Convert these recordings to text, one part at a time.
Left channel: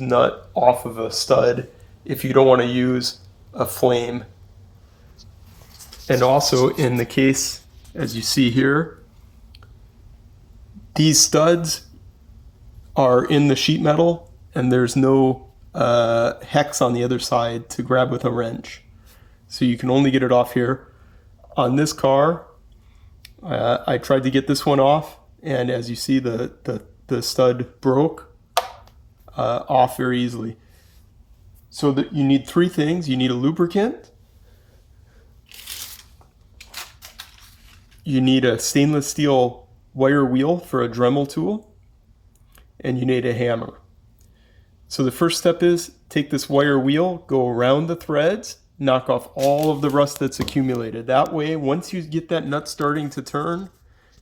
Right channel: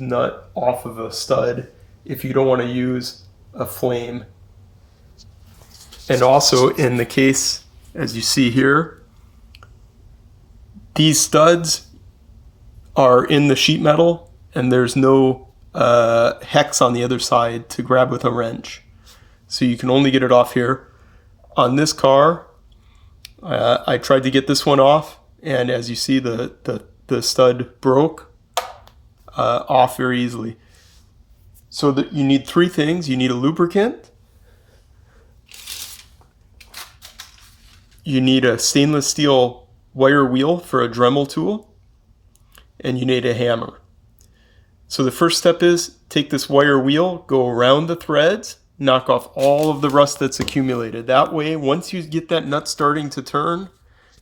nut off of a stud if you don't want to use a flame. And also in the case, as you see here, these studs are in the sheet metal and there's no hex on the other side to grab with a wrench. So you can only get it off here. On this car, I tried to get this one off, and as you see, the stud broke off very easily. So that you need three things. You need a lubricant, you need a stainless steel wire wheel for a Dremel tool, and you need a hammer. So the first step is take this wire wheel, go around the threads, knock off all of the rust that's accumulated. That way, once you get that nut starting to turn,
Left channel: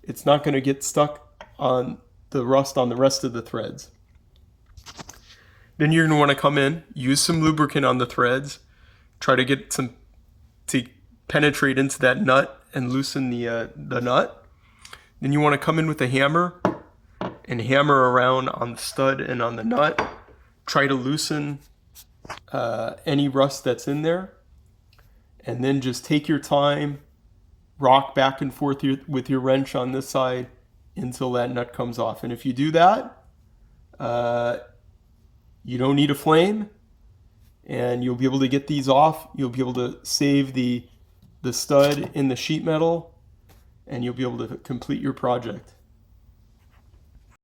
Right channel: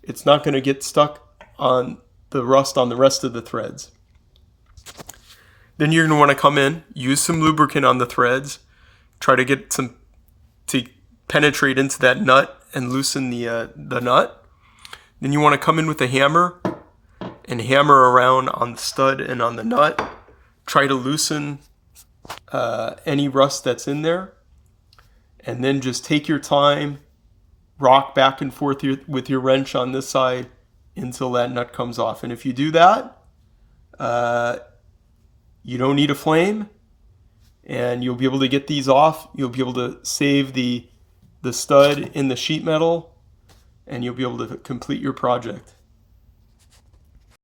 it's not going to get stuck on the rust on the rest of the threads. Then you're going to want to come in, use some lubricant on the threads, try to get some to penetrate into that nut and loosen the nut. Then you want to come in with a hammer and hammer around on the stud and on the nut. Try to loosen any rust that's in there. And then just take your time, rock back and forth with your wrench on this side until that nut comes off. And if you do that, you don't need a flame, and you'll be able to get these off. You'll be able to save the stud in the sheet metal, and you'll be able to complete your project.